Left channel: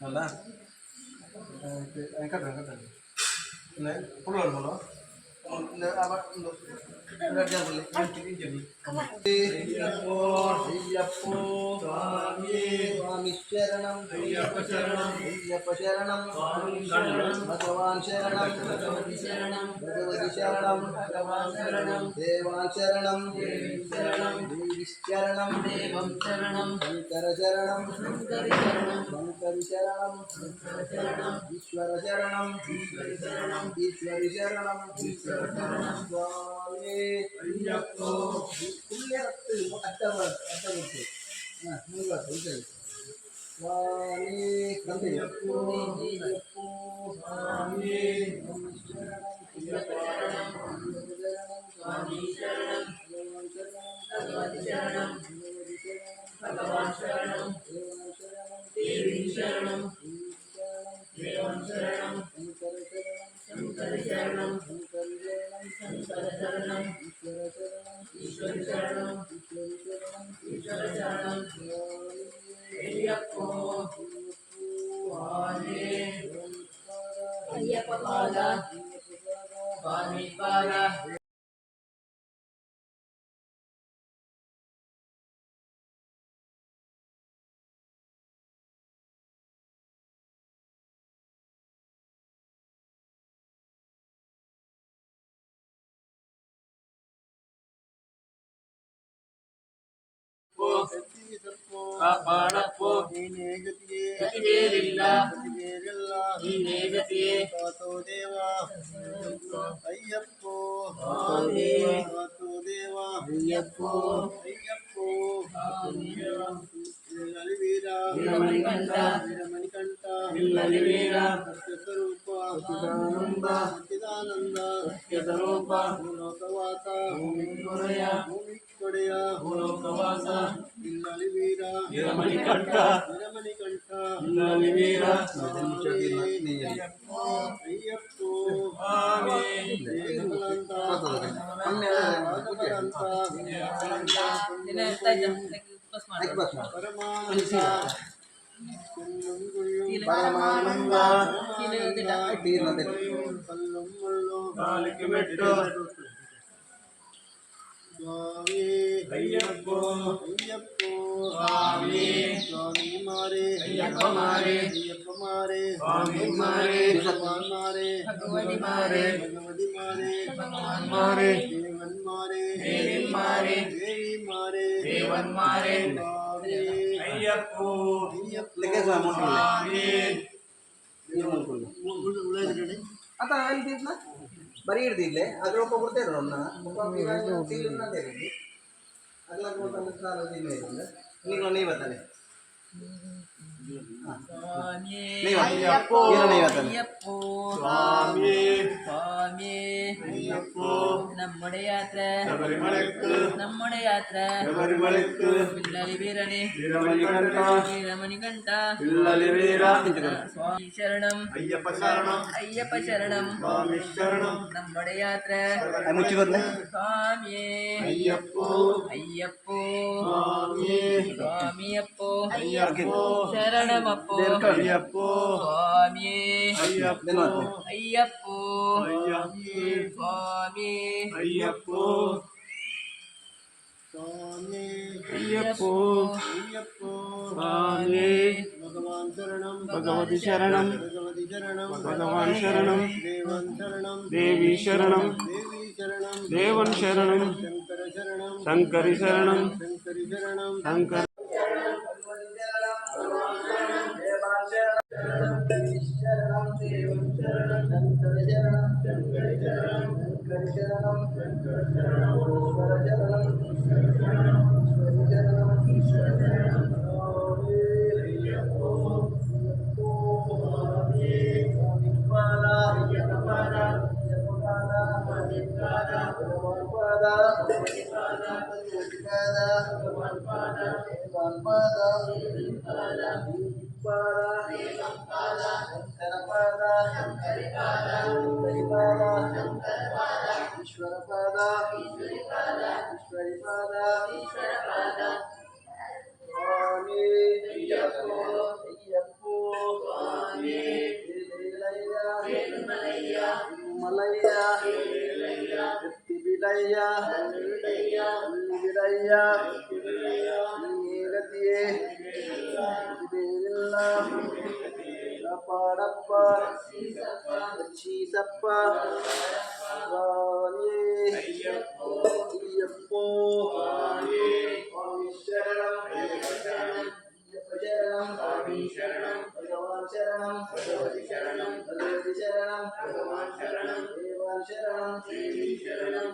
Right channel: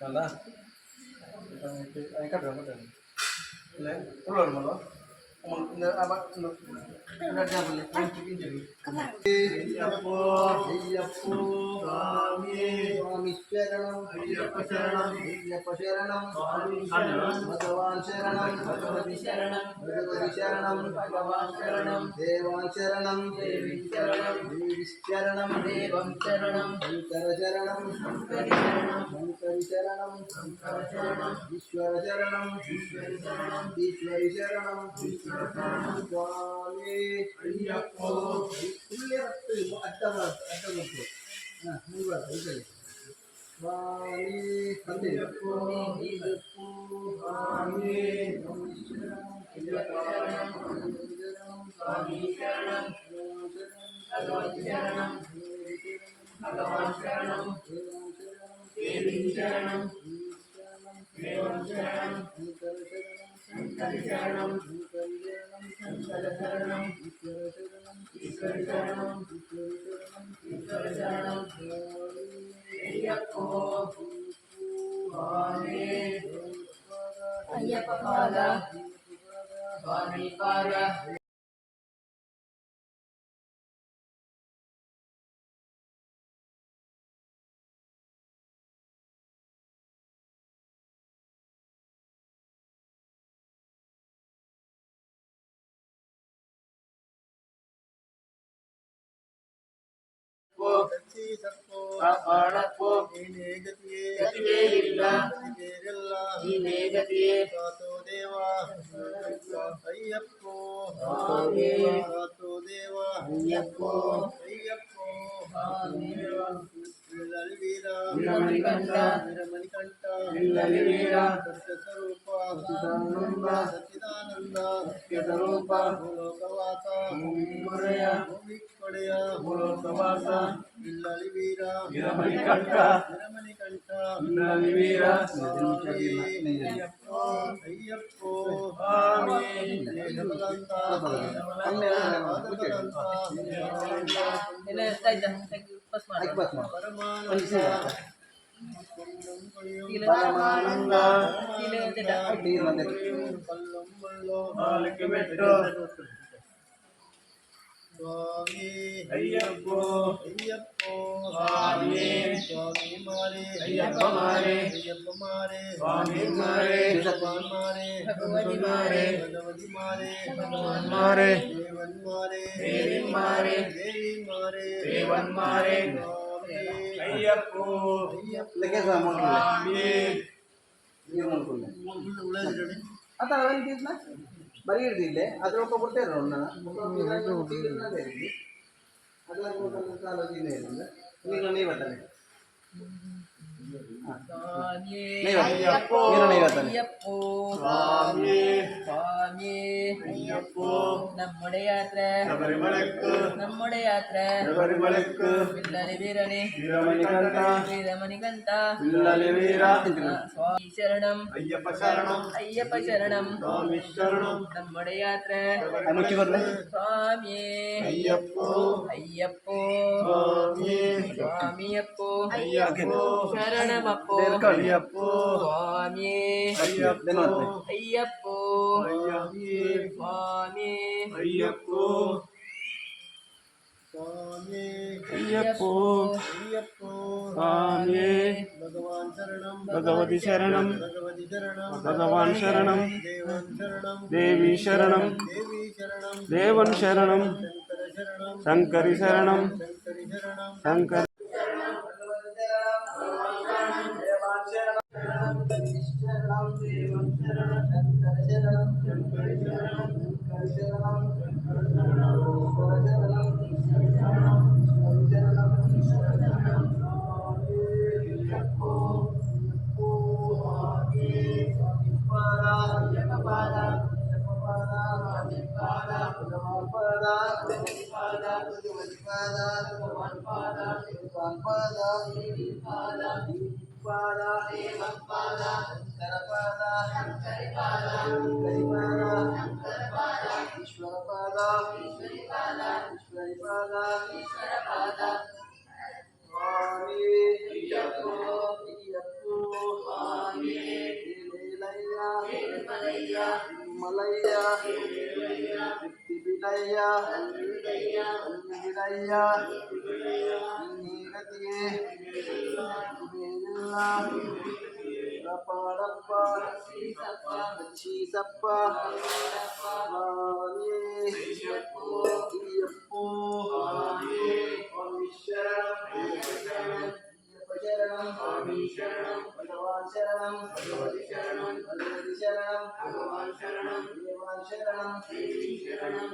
நல்லா இது கட்டுறேன் கட்டுறேன் இல்லை புல் வருமாங்களோ இந்த ஐயப்போ ஐயப்போ சுவாமி சரணம் ஐயப்ப சரணம் ஐயப்ப சரணம் பகவான் சரணம் பகவதி சரணம் பகவதி சரணம் பகவான் சரணம் தேவான் சரணம் தேவி சரணம் தேவி சரணம் தேவம் சரணம் சங்கர சரணம் சங்கரி சரணம் சங்கரி சரணம் சங்கர சரணம் ஈஸ்வர சரணம் ஈஸ்வரி சரணம் ஈஸ்வரி சரணம் ஈஸ்வர சரணம் சுவாமி ஐயப்போ உள்ளே ரத்து அட்டமுத்து சுவாமி ஐயப்போ ஐயப்போ சுவாமி சரணம் சுவாமி சரணம் பகவதி சரணம் பகவான் சரணம் தேவி சரணம் தேவன் சரணம் சங்கரி சரணம் சங்கர சரணம் ஈஸ்வரி சரணம் ஈஸ்வர சரணம் ஐயப்போ ஐயப்ப பாத சுவாமி பாத ಕಾಪಾಡಪ್ಪೋ ನೀನೇ ಗತಿಯೇ ಗತಿವೇರಿಲ್ಲ ನೀನೇ ಗತಿಯೇ ಕಾತೋ ದೇವ ಅಯ್ಯಪ್ಪೋ ಕಾತೋ ದೇವ ಅಯ್ಯಪ್ಪೋ ಅಯ್ಯಪ್ಪೋ ಇಲ್ಲಲಿ ವೀರ ವೀರಮಣಿಕಂಠ ವೀರಮಣಿಕಂಠ ಇಲ್ಲಲಿ ವೀರ ಸತ್ಯ ಸ್ವರೂಪ ಸಚ್ಚಿದಾನಂದ ಸಚ್ಚಿದಾನಂದ ಸತ್ಯ ಸ್ವರೂಪ ಭೂಲೋಕವಾಸ ಭೂಮಿಯ ಭೂಮಿಕೊಡೆಯ ಭೂಲೋಕವಾಸ ಇಲ್ಲಲಿ ವೀರ ವೀರಮಣಿಕಂಠ ವೀರಮಣಿಕಂಠ ಇಲ್ಲಲಿ ವೀರ ಅಯ್ಯಪ್ಪೋ ಅಯ್ಯಪ್ಪೋ ದೇಹಬಲಂತ ಪರಮಾನಂದ ಕಲ್ಲುಂ ಮುಳ್ಳು ಕಾಲಿಗೆ ಮೆಟ್ಟು ಸ್ವಾಮಿ ಅಯ್ಯಪ್ಪೋ ಅಯ್ಯಪ್ಪೋ ಸ್ವಾಮಿ ಸ್ವಾಮಿ ಮಾರೆ ಅಯ್ಯಪ್ಪ ಮಾರೆ ಅಯ್ಯಪ್ಪ ಮಾರೆ ಸ್ವಾಮಿ ಮಾರೆ ಭಗವಾನ್ ಮಾರೆ ಭಗವತಿ ಮಾರೆ ಭಗವತಿ ಮಾರೆ ಭಗವಾನ್ ಮಾರೆ ದೇವನ್ ಮಾರೆ ದೇವಿ ಮಾರೆ ದೇವಿ ಮಾರೆ ದೇವನ್ ಮಾರೆ ಸ್ವಾಮಿ ಅಯ್ಯಪ್ಪೋ ಅಯ್ಯಪ್ಪ ಸ್ವಾಮಿ आता ना बरी दिले अगर तो बोलते रहो ना अगला नहीं बताने നമ്മുടെ യാത്ര നമ്മുടെ യാത്ര പിള്ളലി വീരണി വീരമണികണ്ഠ സ്വാമി ശരണം അയ്യപ്പ ശരണം അയ്യപ്പ ശരണം സ്വാമി ശരണം നമ്മുടെ യാത്ര സ്വാമിയേ അയ്യപ്പോ അയ്യപ്പോ സ്വാമിയേ സ്വാമിയപ്പോ അയ്യപ്പോ ശരണമപ്പോ അയ്യപ്പോ സ്വാമിയേ അയ്യപ്പോ അയ്യപ്പോ സ്വാമി അയ്യപ്പോ സ്വാമി അയ്യപ്പോ അയ്യപ്പോ സ്വാമി ഭഗവാൻ ശരണം ഭഗവതി ശരണം ഭഗവതി ശരണം ഭഗവാൻ ശരണം ദേവൻ ശരണം ദേവി ശരണം ദേവി ശരണം ദേവൻ ശരണം ശങ്കര ശരണം ശങ്കരി ശരണം ശങ്കരി ശരണം ശങ്കര शरणं देवं शरणं शंकर शरणं शंकरि शरणं शंकरि शरणं शंकर शरणं ईश्वर शरणं ईश्वर शरणं ईश्वर शरणं स्वामी अय्यप्पो अय्यप्पो स्वामी स्वामी पादा अय्यप्प पादा स्वामी पादा भगवान पादा भगवती पादा भगवान पादा शंकर पादा ईश्वर पादा ईश्वरी पादा स्वामी अय्यप्पो मलैया बिडैया गतिये पाड़प्प चीसप्प स्वामी अय्यप्पो शरणं भगवान शरणं भगवती शरणं भगवान शरणं देवान शरणं देवी शरणं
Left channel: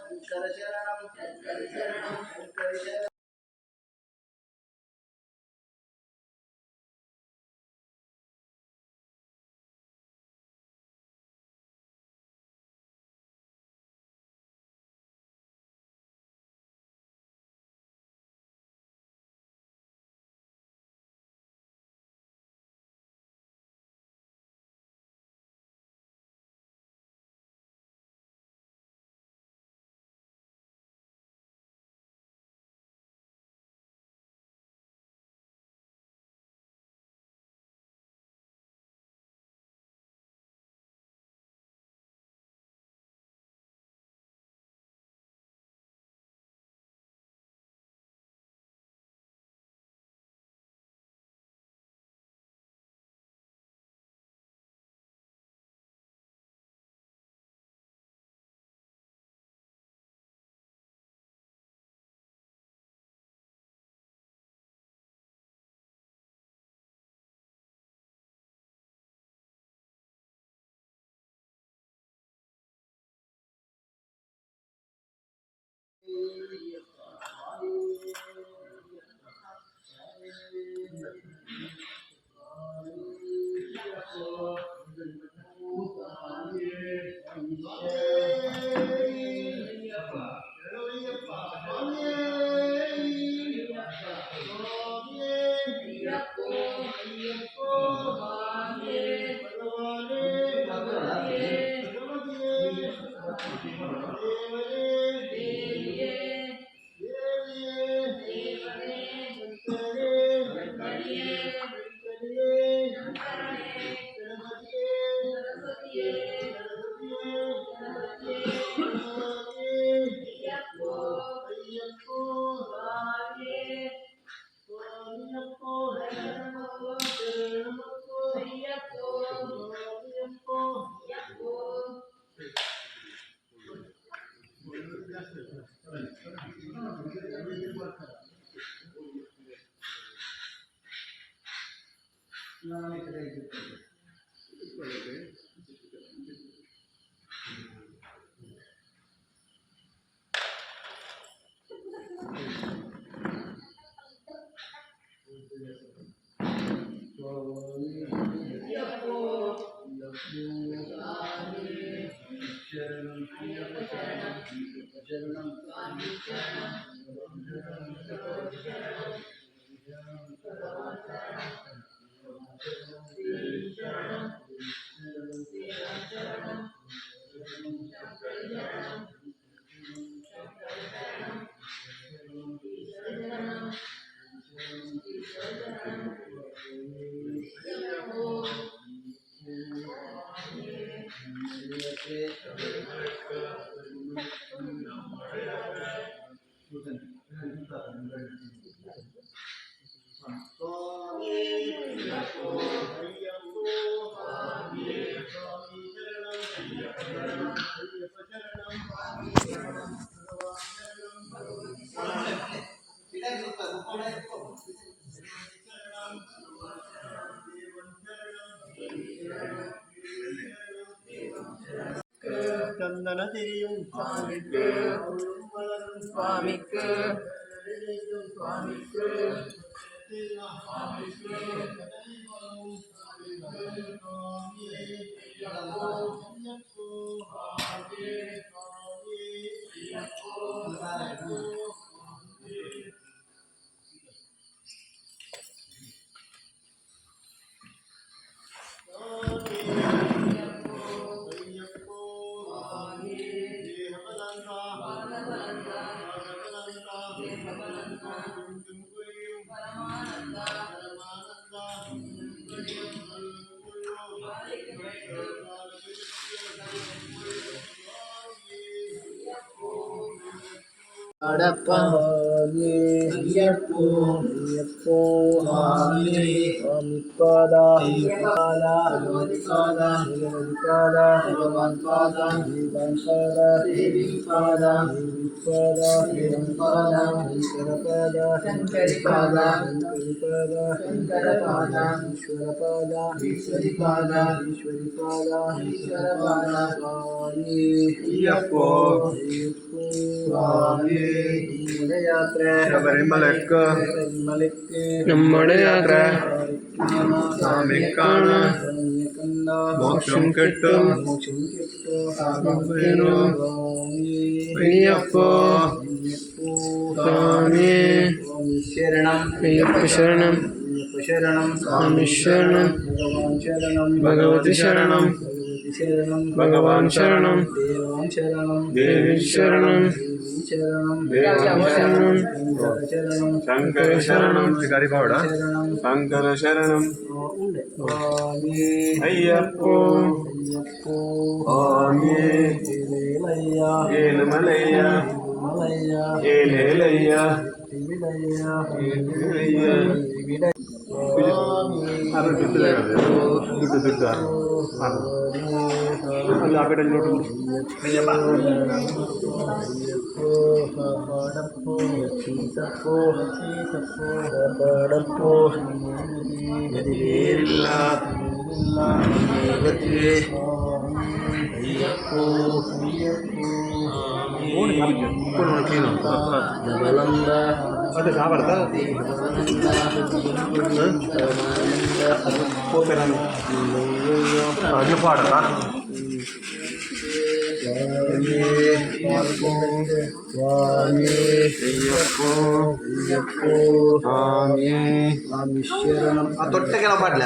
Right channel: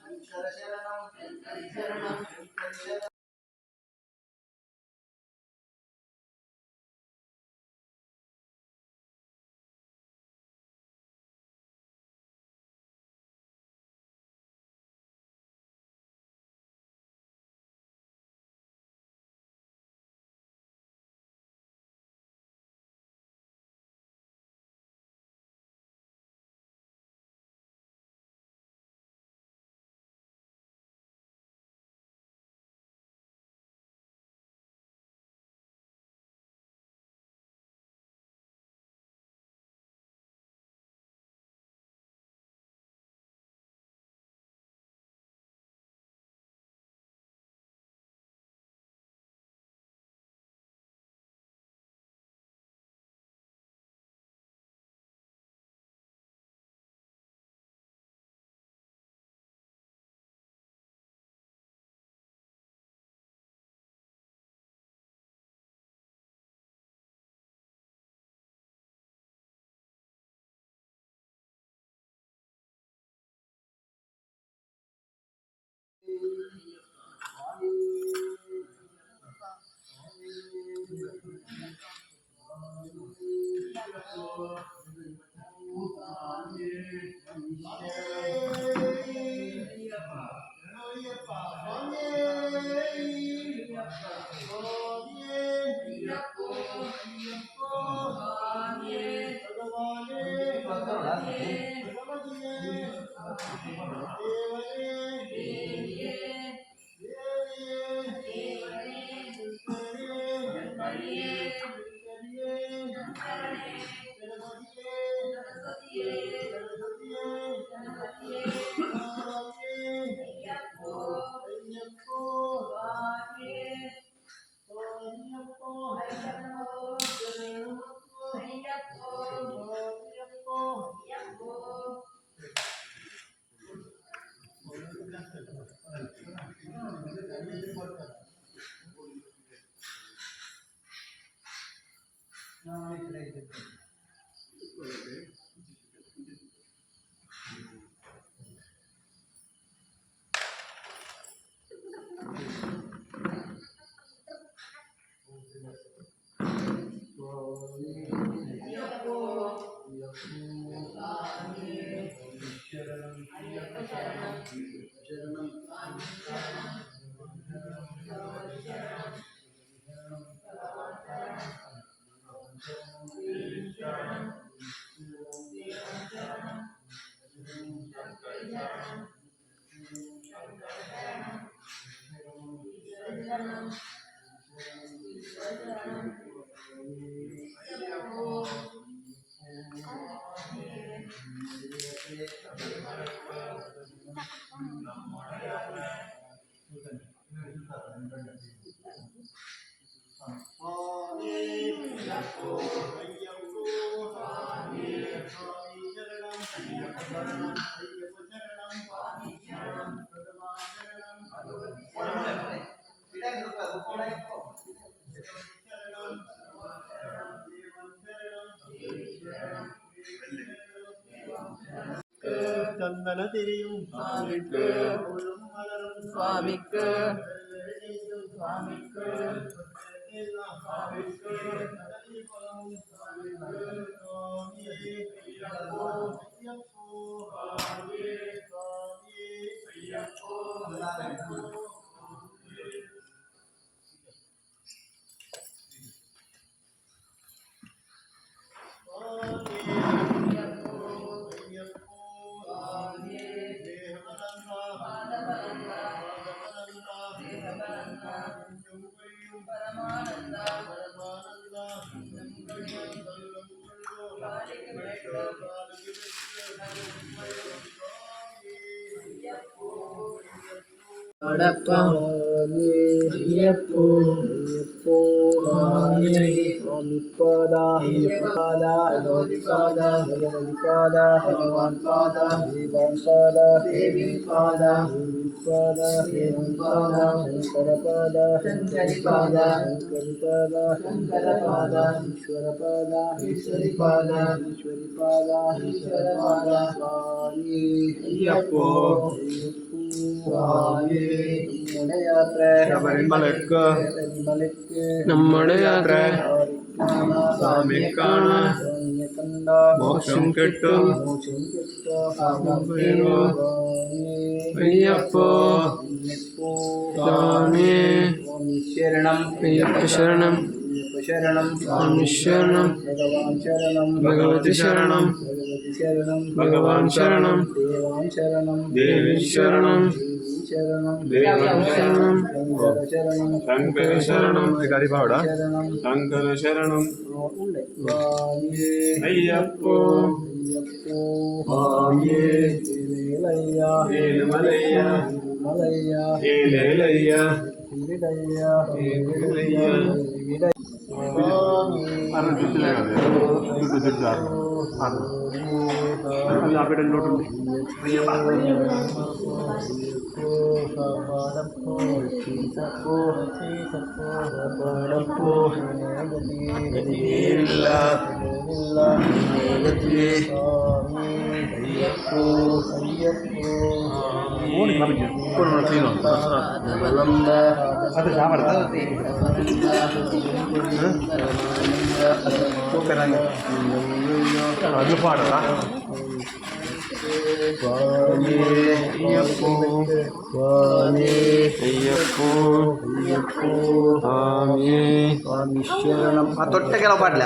शंकर शरणं चंदन तेरिயும் சுவாமிக்கு சுவாமிக்கு சுவாமிக்கு சுவாமிக்கு சுவாமிக்கு ಅಯ್ಯಪ್ಪೋ ಅಯ್ಯಪ್ಪೋ ಸ್ವಾಮಿಪಾದ ಭಗವತಿಪಾದ ಭಗವಾನ್ ಪಾದ ದೇವಾನ್ ಪಾದ ದೇವಿ ಪಾದ ಶಂಕರ ಪಾದ ಶಂಕರಿ ಪಾದ ಶಂಕರ ಪಾದ ಈಶ್ವರ ಪಾದ ಈಶ್ವರಿ ಪಾದ ಈಶ್ವರ ಪಾದ ಸ್ವಾಮಿ ಅಯ್ಯಪ್ಪೋ ಸ್ವಾಮಿ ಯಾತ್ರೆ ശബരിമലക്ക് നമ്മുടെ യാത്ര സ്വാമി കാണാൻ മോക്ഷം കിട്ടും അയ്യപ്പോ സ്വാമി ശരണം അയ്യപ്പ ശരണം സ്വാമി ശരണം ഭഗവതി ശരണം ഭഗവാൻ ശരണം ദേവി ശരണം ശങ്കര ശരണം ശങ്കര ശരണം അയ്യപ്പോ ഏലുമലയ്യ ഏലേലയ്യ ಅದು ಸಾಬಾರ್ದ ಅದು ಪಾಡಲ್ಲ ಅಯ್ಯಪ್ಪೋ ಸ್ವಾಮಿ ಶರಣಂ ಆ ತೊಟ್ಟೆಗೆಲ್ಲ ಪಾಡಲ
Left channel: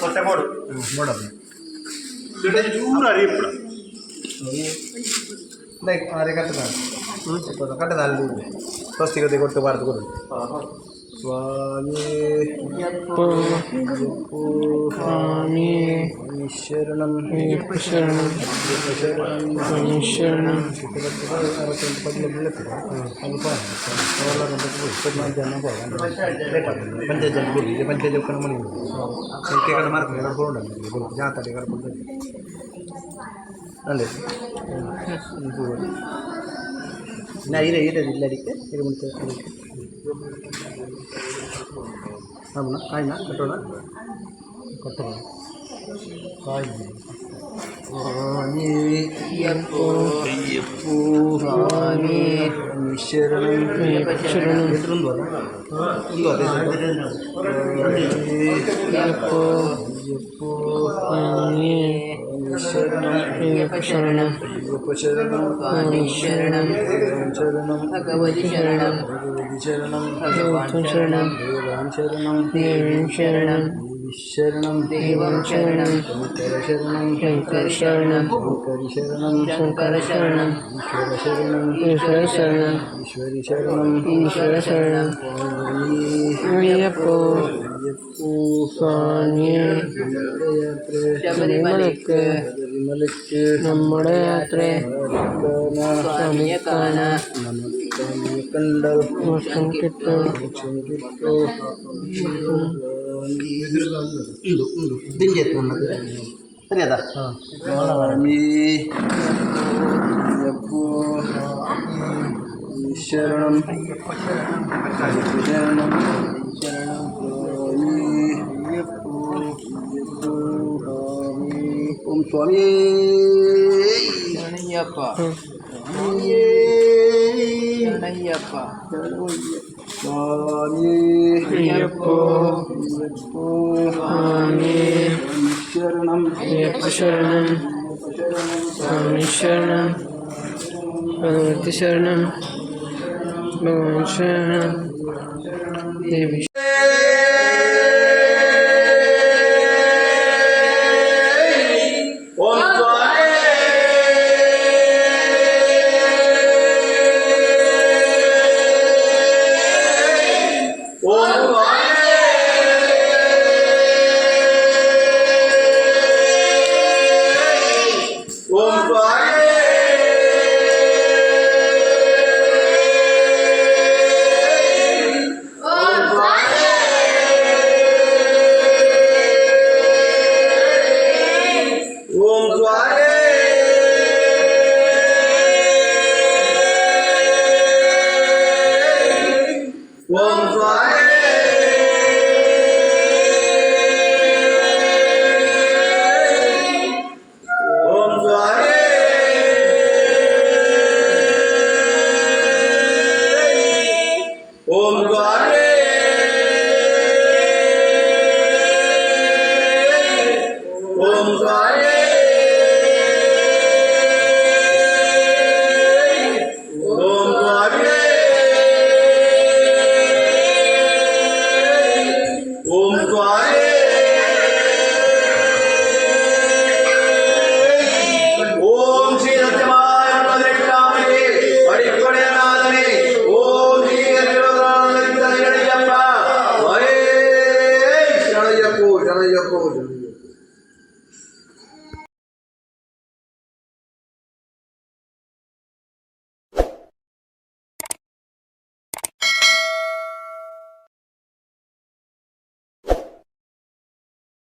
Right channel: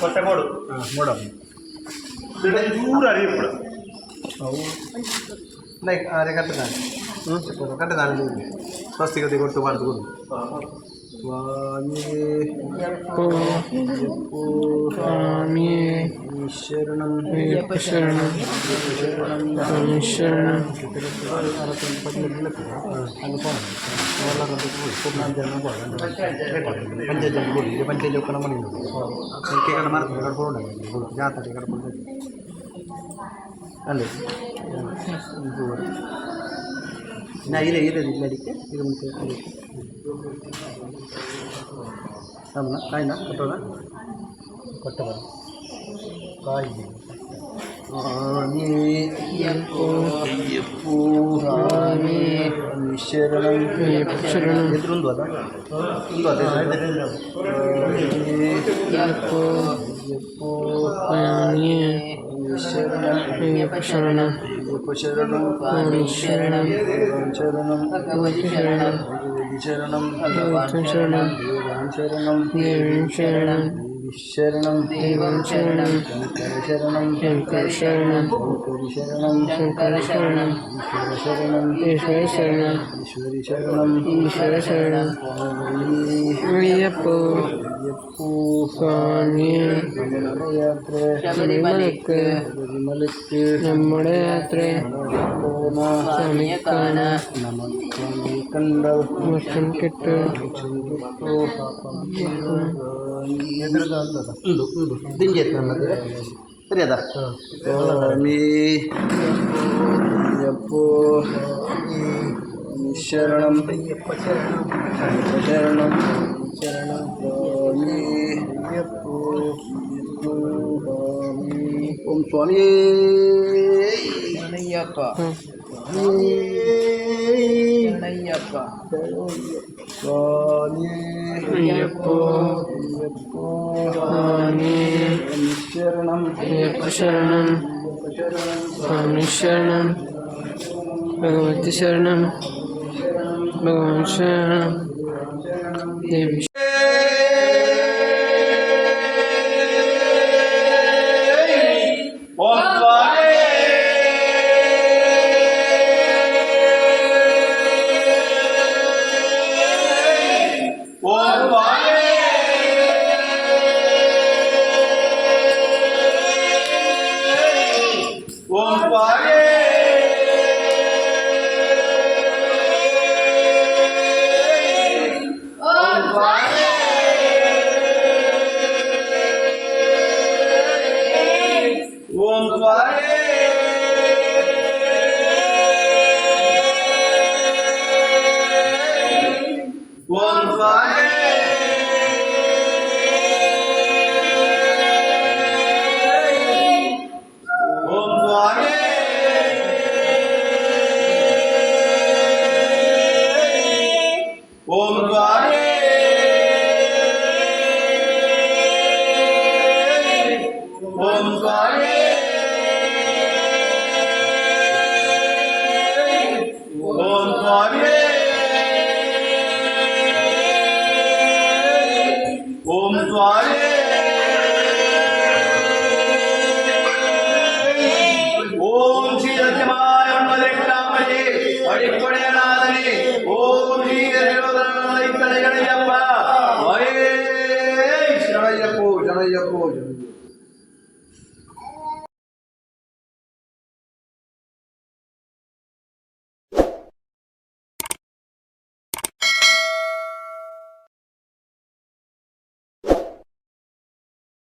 ತೊಟ್ಟೆ ಮೂಡು ಮೂಡಮ್ಮ ಚೂರು ಅರಿಯಪ್ಪಡ ಅವು ಲೈಕ್ ಅರೆ ಕಟ್ಟದ ಕಟ್ಟದ ಅಲ್ಲಿ ಸ್ವಸ್ತಿಗತಿ ಕೊಟ್ಟು ಬಾರ್ದು ಕೊಡು ಸ್ವಾಮಿ ಸ್ವಾಮಿ ಶರಣಂ ಶರಣಂ ಸ್ವಾಮಿ ಶರಣಂ ಪಂಚಾಯತ್ ಕೊಡಿ ಪಂಚಾಯತ್ ಕಣ ಮನೆ ಕಡೆ ಮಾರ್ತಾರೆ ಕಡ್ಕೊಂಡು ಜಾತ್ರೆ ಕಡ್ಕೊಂಡು ಅಲ್ಲೇ ನಾ ಇಲ್ಲ ಅಡಿಕೆ ಇದು ಮುಂಚೆ ಆಮನ ಕಾಯಿನ ಕಟ್ಟೋಣ ಕಟ್ಟಬಾರ ಕಾಯಿ ಅಯ್ಯಪ್ಪೋ ಸ್ವಾಮಿ ಶರಣಂ ಎದುರೊಂದು ಅಲ್ಲ ಒಂದು ಅಯ್ಯಪ್ಪೋ ಸ್ವಾಮಿ ಶರಣಂ ಶರಣಂ ಭಗವತಿ ಶರಣಂ ಭಗವಾನ್ ಶರಣಂ ದೇವಾನ್ ಶರಣಂ ದೇವಿ ಶರಣಂ ಶರಣಂ ದೇವಾನ್ ಶರಣಂ ಶಂಕರ ಶರಣಂ ಶಂಕರ ಶರಣಂ ಈಶ್ವರ ಶರಣಂ ಈಶ್ವರಿ ಶರಣಂ ಅಯ್ಯಪ್ಪೋ ಸ್ವಾಮಿ ശബരിമലക്ക് നമ്മുടെ യാത്ര സ്വാമിയെ കാണാൻ മോക്ഷം കിട്ടും അറിയാതാ സ്വാമി അയ്യപ്പോ ശരണം ശരണം ಓಂ ಸ್ವಾಮಿ ಶರಣಯ್ಯಪ್ಪ ಶರಣಯ್ಯಪ್ಪ ಸ್ವಾಮಿ ಅಯ್ಯಪ್ಪೋ ಸ್ವಾಮಿ ಶರಣಂ ಅಯ್ಯಪ್ಪ ಶರಣಂ ಸ್ವಾಮಿ ಶರಣಂ ಭಗವತಿ ಶರಣಂ ಭಗವಾನ್ ಶರಣಂ ದೇವಿ